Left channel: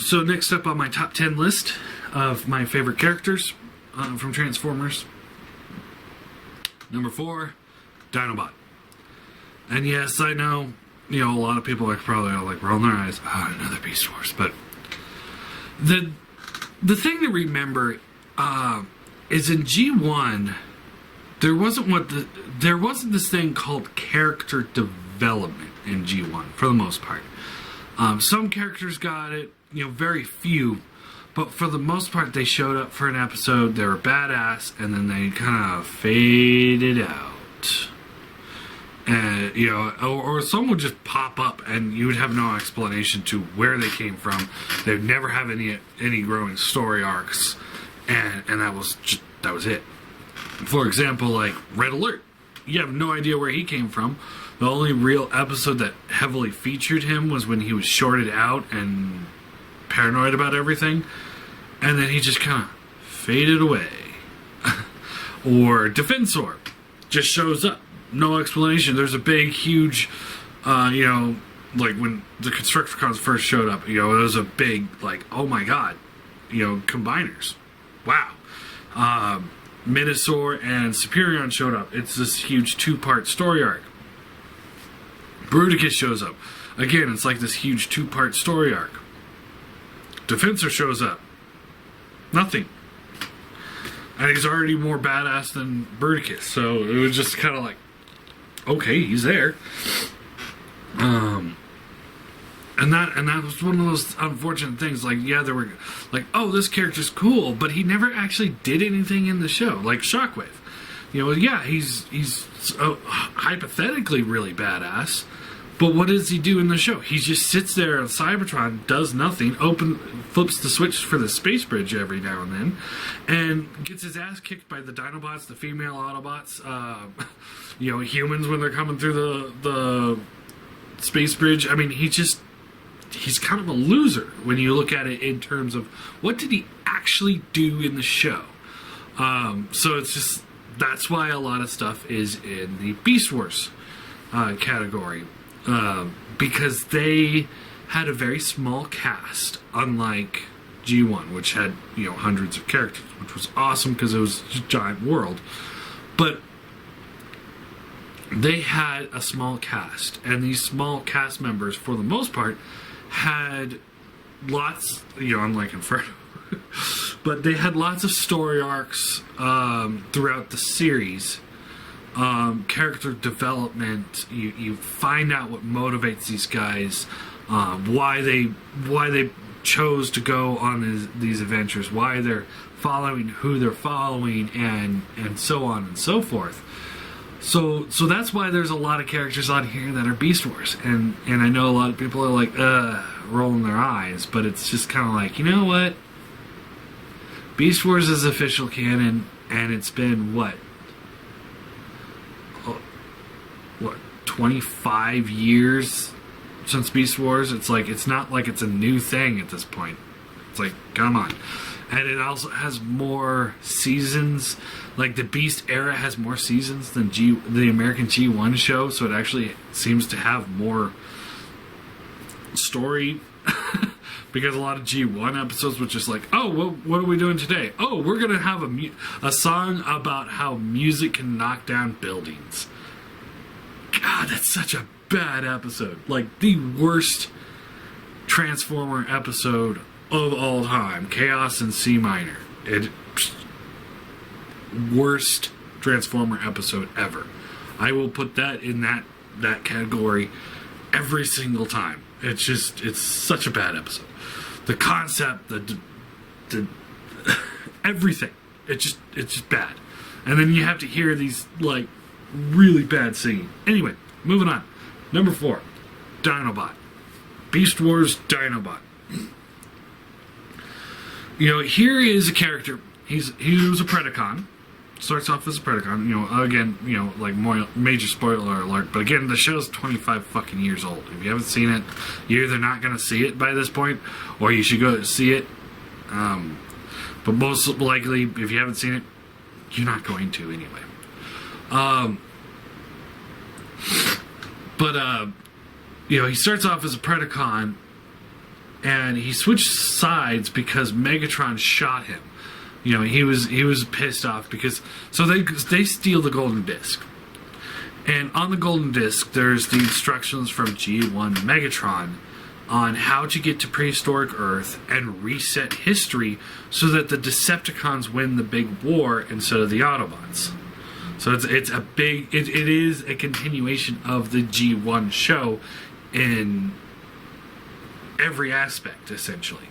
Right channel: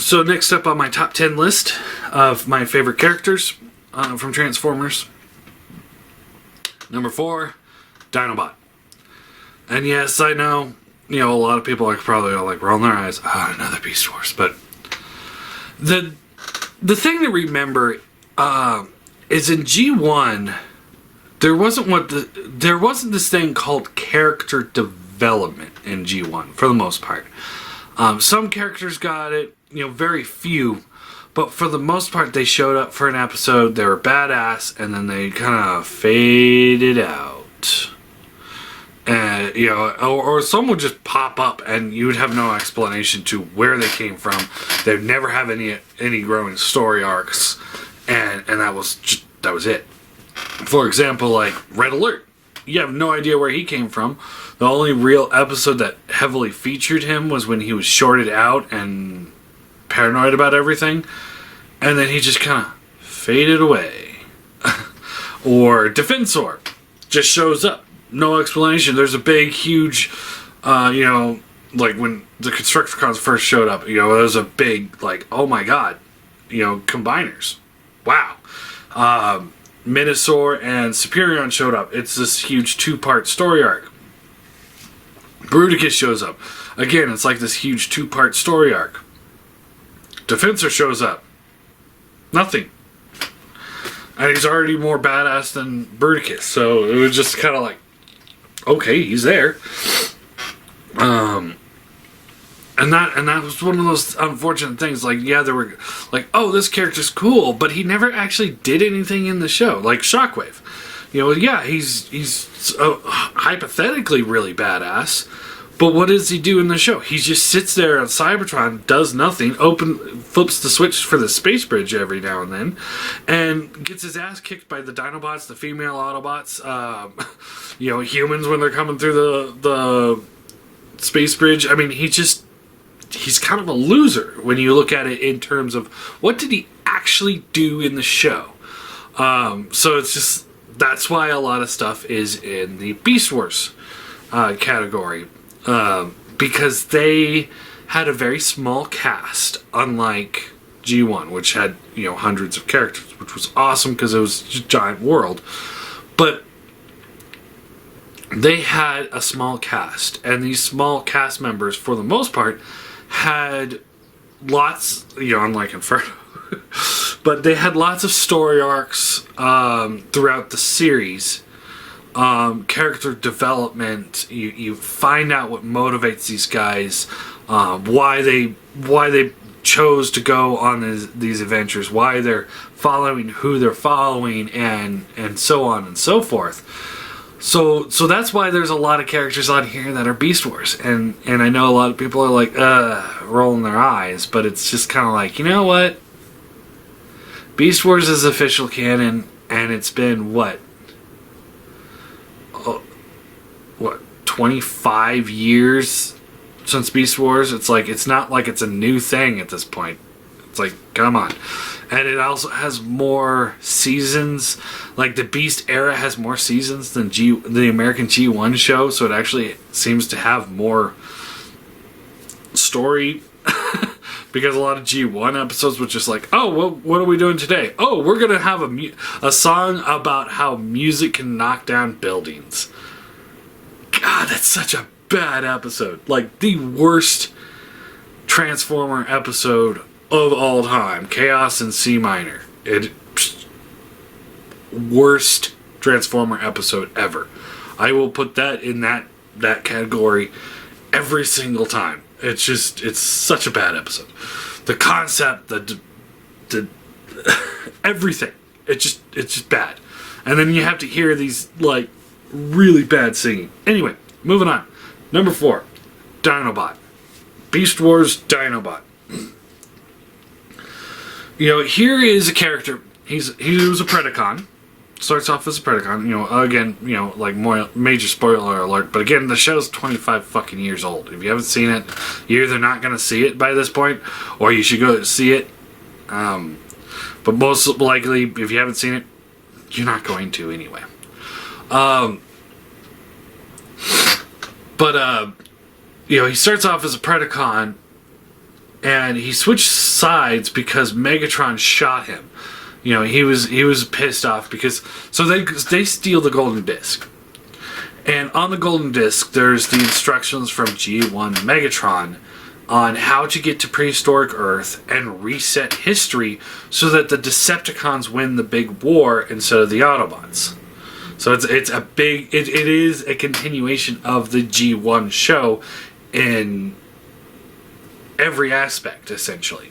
So next up on my top 10 list of my favorite characters from Transformers. Number 4, Dinobot. And yes, I know, a lot of people are probably all like rolling their eyes. Oh, another Beast Wars. But the thing to remember is in G1, there wasn't this thing called character development in G1 for the most part. Some characters got it, very few, but for the most part, they showed up for an episode, they were badass, and then they kind of faded out. And, or some would just pop up and you would have no explanation to where they came from. They'd never have any growing story arcs, and that was it. For example, like Red Alert. You have no idea where he came from. The only real episode that heavily featured him was when he was shorted out and paranoid about everything. And then he just kind of faded away. Or Defensor just shows up. No explanation. There's a big, huge, like when the Constructicons first showed up, there was a big, like, oh my god, combiners. Wow. Minosaur and Superion showed up. It's this huge 2-part story arc. Bruticus shows up. Again, it's like this huge 2-part story arc. Defensor shows up. Nothing. And he's already more badass than Bruticus, so it was just kind of like, okay, he's there. And that was one of those unfortunate things. Like, yeah, there were like, oh, this character's cool, but he never actually did anything in the show. Like Shockwave, yeah, he's hypothetically really badass, but what does he do in the show? He just sits there on Cybertron, does nothing, flips the switch for the space bridge every now and then, and gets his ass kicked by the Dinobots, the female Autobots, humans when they're coming through the space bridge. I mean, he's kind of a loser when you look at it in terms of what did he actually do in the show. So it's just, that's why a lot of stuff is in the Beast Wars category, because they had a very small cast, unlike G1, which had hundreds of characters, which was awesome because it was a giant world. But they had a small cast, and these small cast members, for the most part, had lots, unlike Inferno, but they had lots of story arcs throughout the series. Character development. You find out what motivates these guys, why they chose to go on these adventures, why they're following who they're following, and so on and so forth. So that's why there's a lot of characters on here that are Beast Wars, and I know a lot of people are like, rolling their eyes, but it's just kind of like, you know what? Beast Wars is official canon, and it's been, 25 years since Beast Wars? It's like, it's not like it's a new thing at this point. It's like, come on. And it also has more seasons. Like, the Beast era has more seasons than the American G1 show, so it actually seems to have more story. Because a lot of G1 episodes was just like, oh, well, what are we doing today? Oh, we're going to have a song about how music can knock down buildings. God, that's such a bad episode. Like, the worst Transformer episode of all time. Chaos in C minor. Worst Transformer episode ever. I will put that in that category every single time. It's such a bad episode. The concept, the everything. It's just bad. And then you have to hear these, like, really bad singing. Anyway, moving on. Number 4, Dinobot. Beast Wars Dinobot. Here is a character. He was a Predacon. Starts off as a Predacon. Again, like, more major spoiler alert. But again, the show's 25 fucking years old. If you haven't seen it, you're either not going to see it by this point, or you should go see it. But most likely, if you haven't seen it, you're not going to anyway. He starts off as a Predacon, and he switched sides because Megatron shot him. You know, he was pissed off because they steal the golden disc. And on the golden disc, there's the instructions from G1 Megatron on how to get to prehistoric Earth and reset history so that the Decepticons win the big war instead of the Autobots. So it is a continuation of the G1 show in every aspect, essentially.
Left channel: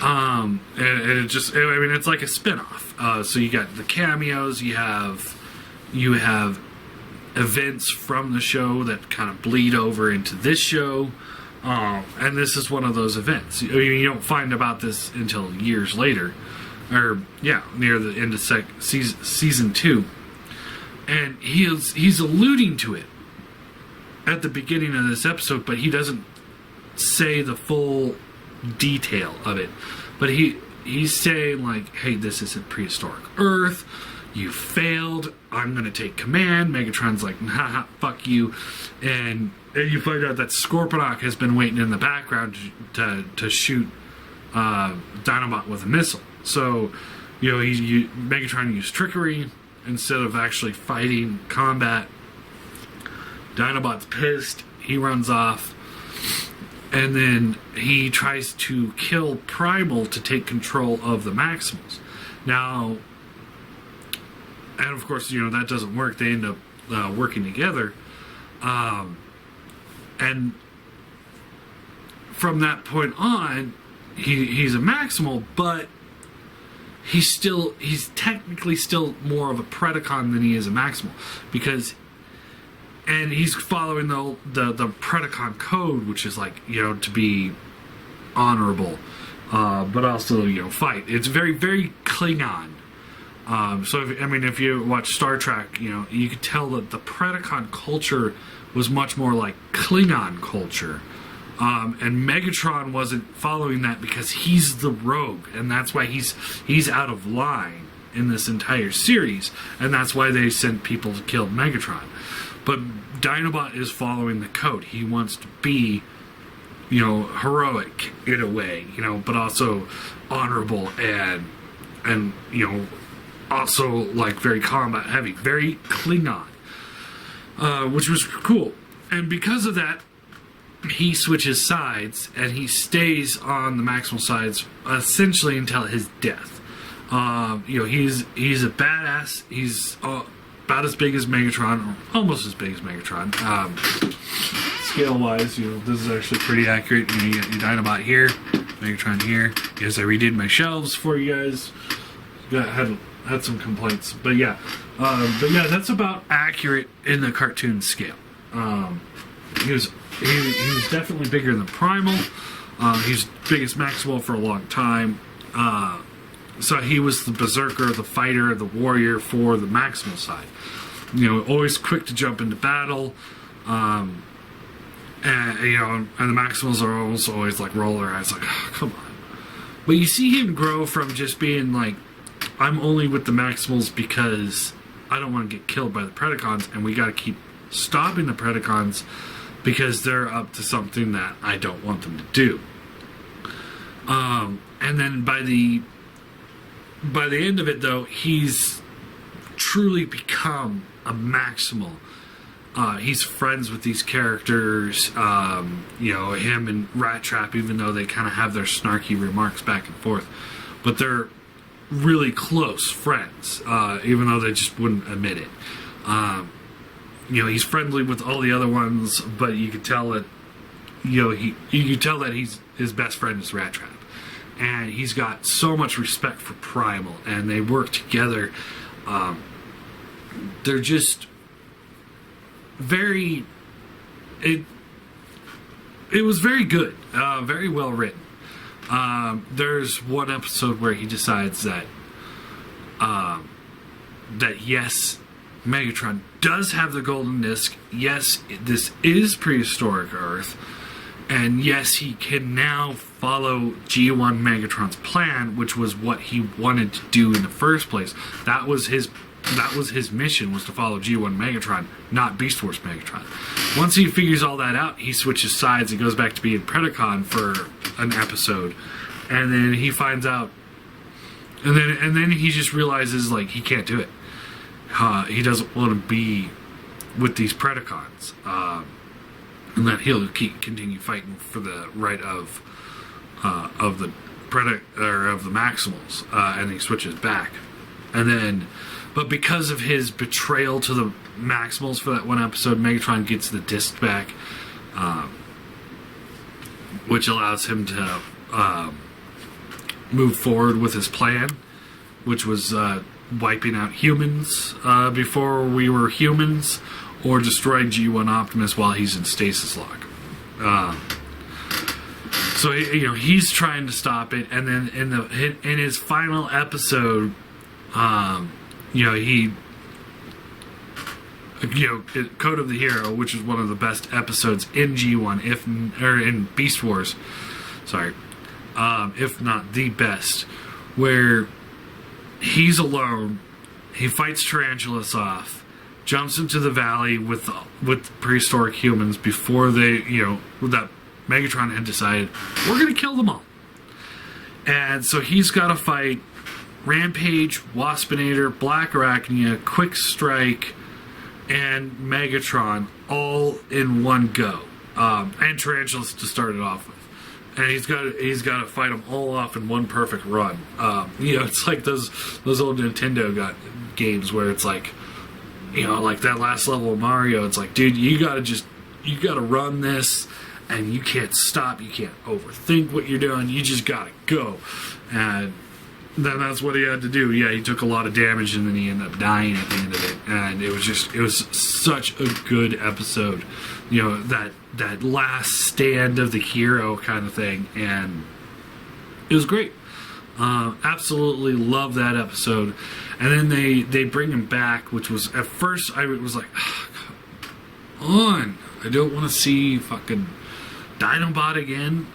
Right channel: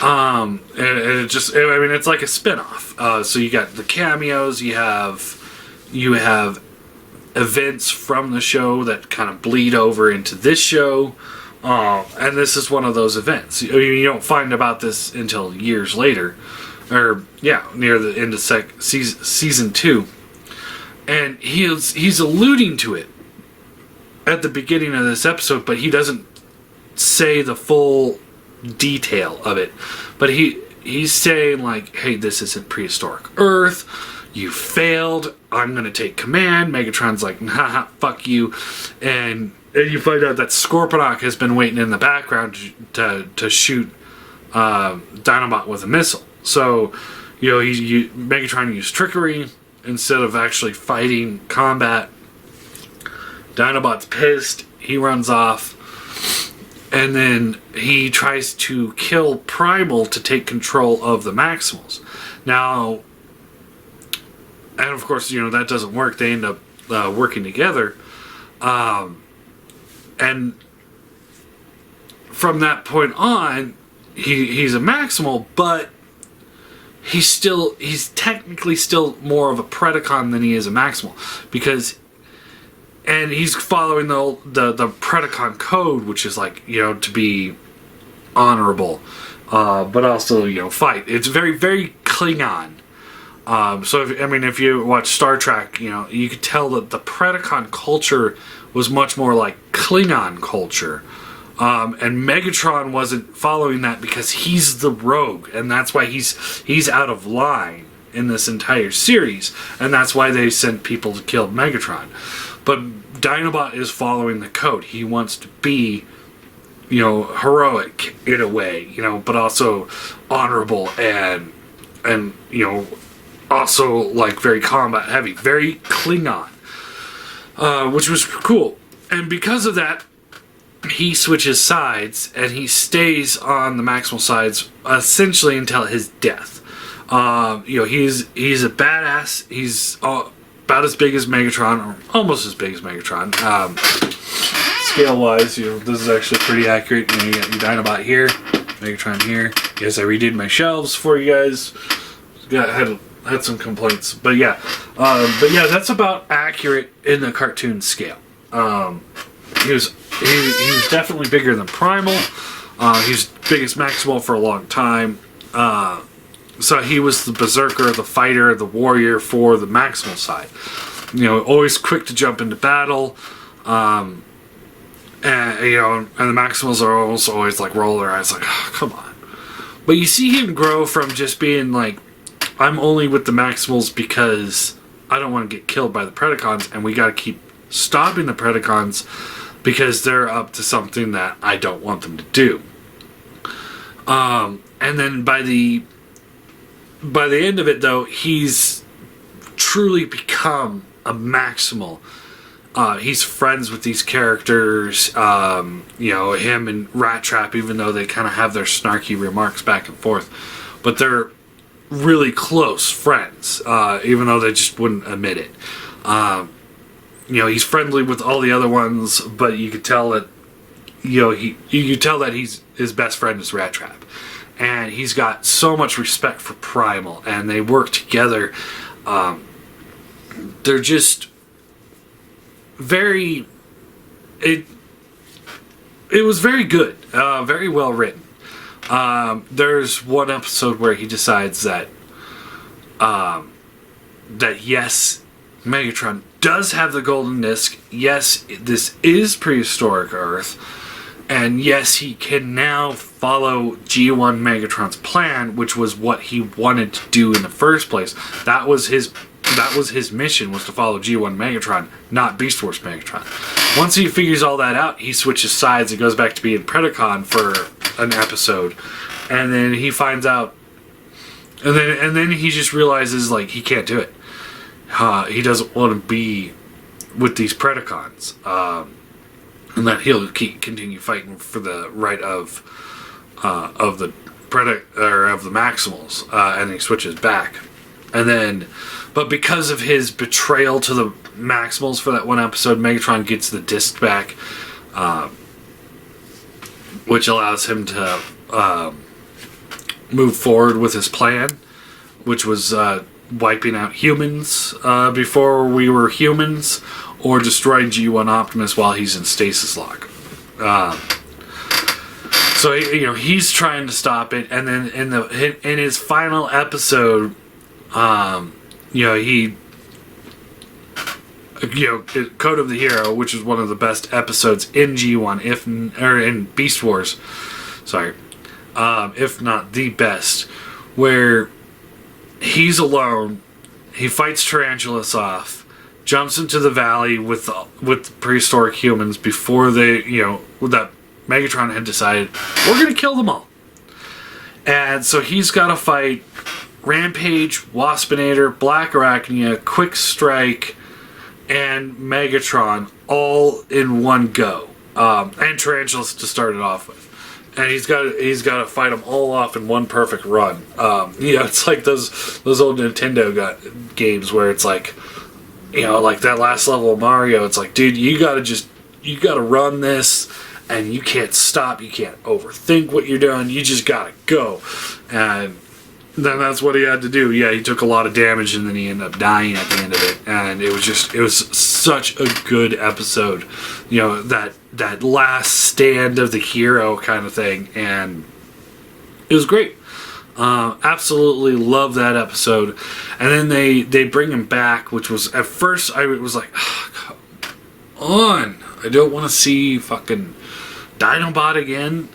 And it's like a spin-off. So you got the cameos, you have events from the show that kind of bleed over into this show, and this is one of those events. You don't find about this until years later, or near the end of season 2, and he's alluding to it at the beginning of this episode, but he doesn't say the full detail of it. But he's saying, like, hey, this isn't prehistoric Earth. You failed. I'm going to take command. Megatron's like, haha, fuck you. And you find out that Scorponok has been waiting in the background to shoot Dinobot with a missile. So, you know, Megatron used trickery instead of actually fighting combat. Dinobot's pissed. He runs off. And then he tries to kill Primal to take control of the Maximals. Now, and of course, you know, that doesn't work. They end up working together. And from that point on, he's a Maximal, but he's technically still more of a Predacon than he is a Maximal. And he's following the Predacon code, which is like, you know, to be honorable, but also, you know, fight. It's very, very Klingon. So if you watch Star Trek, you know, you could tell that the Predacon culture was much more like Klingon culture. And Megatron wasn't following that because he's the rogue, and that's why he's out of line in this entire series, and that's why they sent people to kill Megatron. But Dinobot is following the code. He wants to be, you know, heroic in a way, you know, but also honorable and you know, also like very combat heavy, very Klingon, which was cool. And because of that, he switches sides and he stays on the Maximal sides essentially until his death. You know, he's a badass. He's about as big as Megatron, or almost as big as Megatron. Scale-wise, you know, this is actually pretty accurate. You know, you got your Dinobot here, Megatron here. Yes, I redid my shelves for you guys. Had some complaints, but yeah, that's about accurate in the cartoon scale. He was definitely bigger than Primal. He's biggest Maximal for a long time. So he was the berserker, the fighter, the warrior for the Maximal side. You know, always quick to jump into battle. And you know, and the Maximals are always like roll their eyes like, oh, come on. But you see him grow from just being like, I'm only with the Maximals because I don't want to get killed by the Predacons, and we got to keep stopping the Predacons because they're up to something that I don't want them to do. And then by the end of it, though, he's truly become a Maximal. He's friends with these characters, you know, him and Rat Trap, even though they kind of have their snarky remarks back and forth. But they're really close friends, even though they just wouldn't admit it. You know, he's friendly with all the other ones, but you could tell that, you know, you could tell that his best friend is Rat Trap. And he's got so much respect for Primal, and they work together. They're just very... It was very good, very well written. There's one episode where he decides that yes, Megatron does have the golden disc. Yes, this is prehistoric Earth. And yes, he can now follow G1 Megatron's plan, which was what he wanted to do in the first place. That was his that was his mission, was to follow G1 Megatron, not Beast Wars Megatron. Once he figures all that out, he switches sides and goes back to being Predacon for an episode, and then he finds out, and then he just realizes like he can't do it. He doesn't want to be with these Predacons, and that he'll continue fighting for the right of the of the Maximals, and he switches back, and then. But because of his betrayal to the Maximals for that one episode, Megatron gets the disc back, which allows him to move forward with his plan, which was wiping out humans before we were humans, or destroying G1 Optimus while he's in stasis lock. So he's trying to stop it, and then in his final episode. He Code of the Hero, which is one of the best episodes in G1, or in Beast Wars, sorry, if not the best, where he's alone, he fights Tarantulas off, jumps into the valley with prehistoric humans before they, that Megatron had decided, we're going to kill them all. And so he's got to fight Rampage, Waspinator, Black Arachnia, Quick Strike, and Megatron all in one go, and Tarantulas to start it off with, and he's got to fight them all off in one perfect run. It's like those old Nintendo games where it's like, like that last level of Mario. It's like, dude, you got to run this, and you can't stop, you can't overthink what you're doing. You just gotta go, and then that's what he had to do. Yeah, he took a lot of damage, and then he ended up dying at the end of it. And it was such a good episode. That last stand of the hero kind of thing. And it was great. Absolutely love that episode. And then they bring him back, which was, at first, I was like, oh, come on. I don't want to see fucking Dinobot again.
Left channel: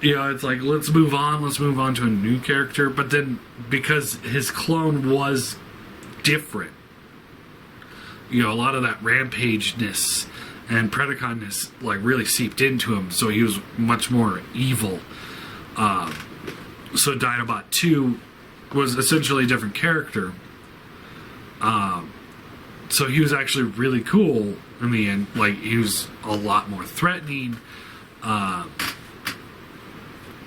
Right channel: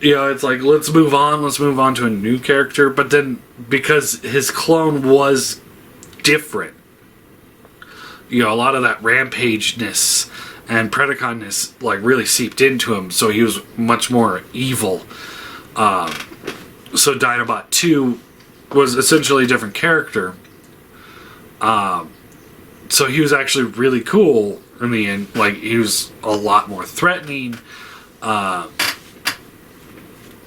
It's like, let's move on to a new character. But then, because his clone was different, a lot of that rampageness and Predaconness like really seeped into him, so he was much more evil. So Dinobot 2 was essentially a different character. So he was actually really cool in the end. Like, he was a lot more threatening, a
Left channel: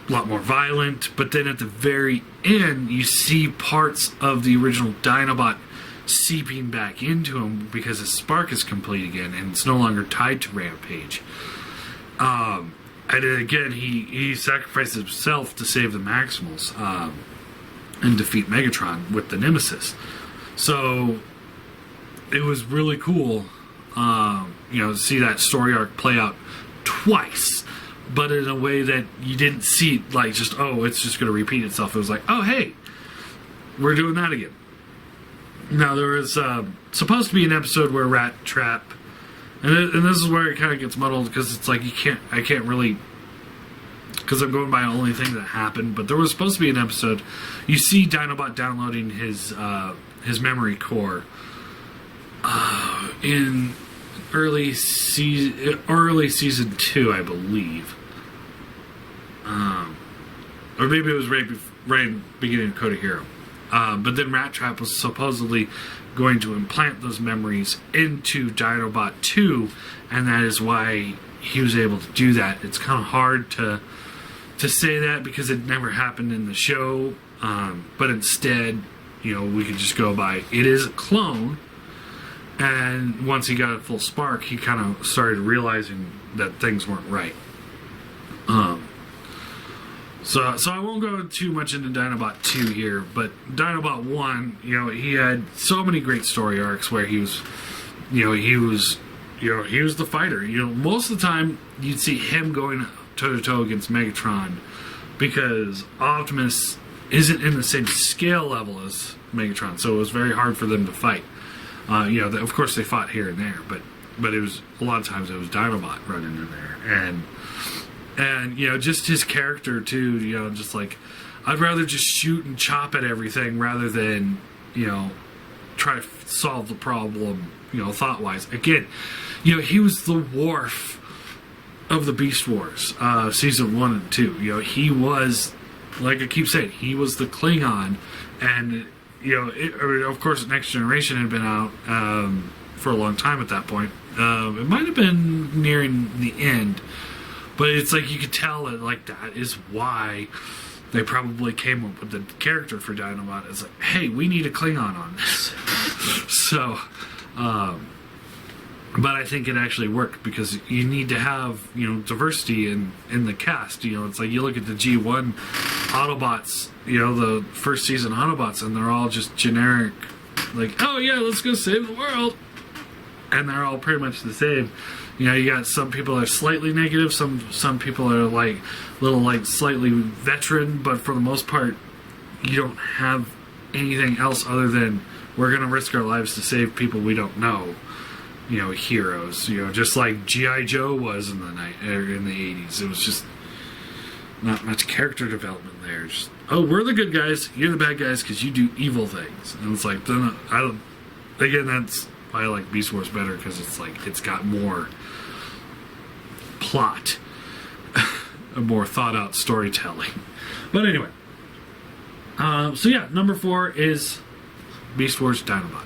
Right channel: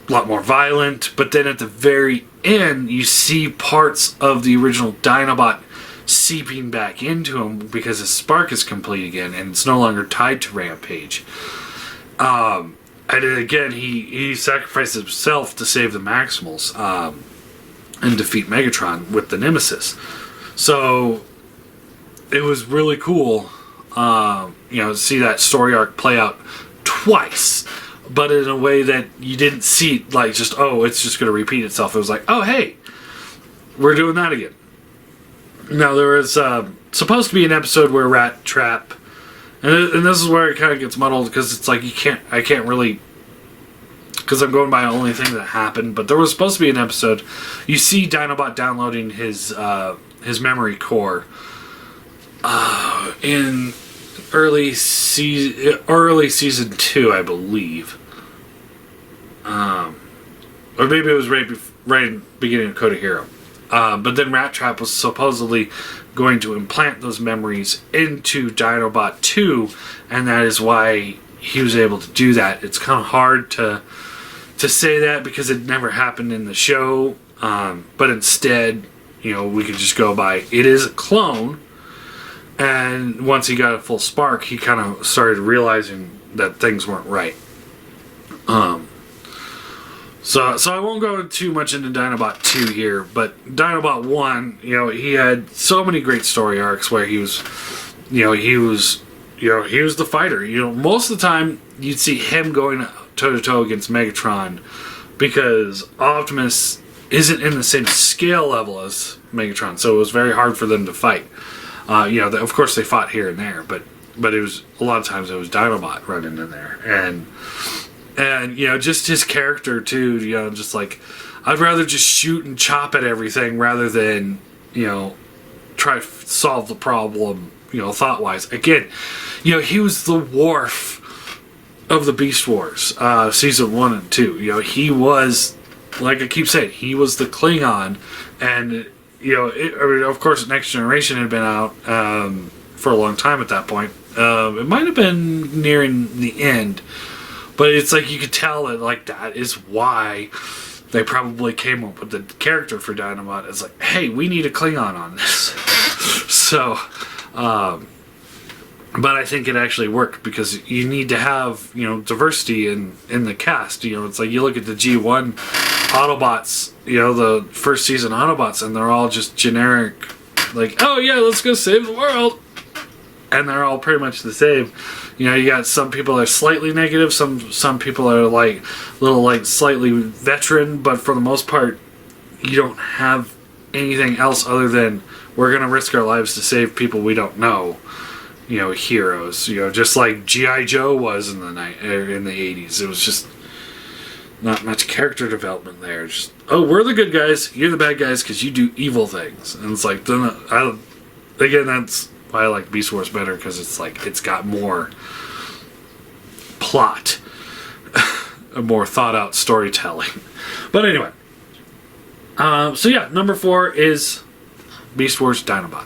lot more violent, but then at the very end you see parts of the original Dinobot seeping back into him because his spark is complete again and it's no longer tied to Rampage. And then again he sacrificed himself to save the Maximals and defeat Megatron with the Nemesis. So it was really cool to see that story arc play out twice, but in a way that you didn't see, like, just, it's just going to repeat itself. It was like, oh, hey, we're doing that again. Now, there was supposed to be an episode where Rat Trap, and this is where it kind of gets muddled, because it's like, I can't really, because I'm going by the only thing that happened, but there was supposed to be an episode. You see Dinobot downloading his memory core in early season 2, I believe. Or maybe it was right in the beginning of Code of Hero. But then Rat Trap was supposedly going to implant those memories into Dinobot 2, and that is why he was able to do that. It's kind of hard to say that because it never happened in the show, but instead, we could just go by, it is a clone. And once he got a full spark, he kind of started realizing that things weren't right. So I won't go too much into Dinobot 2 here, but Dinobot 1, he had so many great story arcs where he was the fighter. Most of the time you'd see him going toe to toe against Megatron because Optimus isn't in the same scale level as Megatron, so it was very hard for them to fight. Of course they fought here and there, but it was a lot of times it was Dinobot running in there, and just his character too. Just like, I'd rather just shoot and chop at everything rather than try to solve the problem, thought-wise. Again, he was the Worf of the Beast Wars, season 1 and 2. He was, like I keep saying, he was the Klingon, and of course, Next Generation had been out for a long time at that point. It might have been nearing the end, but it's like you could tell that that is why they probably came up with the character for Dinobot. It's like, hey, we need a Klingon on this. So, but I think it actually worked because you need to have diversity in the cast. It's like you look at the G1 Autobots, the first season Autobots, and they're all just generic, like, oh yeah, let's go save the world, and they're all pretty much the same. You got some people that are slightly negative, some people are slightly veteran, but for the most part, you don't have anything else other than we're gonna risk our lives to save people we don't know. Heroes. Just like G.I. Joe was in the 80s. It was just not much character development there. Just, oh, we're the good guys, you're the bad guys because you do evil things. And it's like, again, that's why I like Beast Wars better, because it's like it's got more plot, a more thought out storytelling. But anyway, so yeah, number 4 is Beast Wars Dinobot.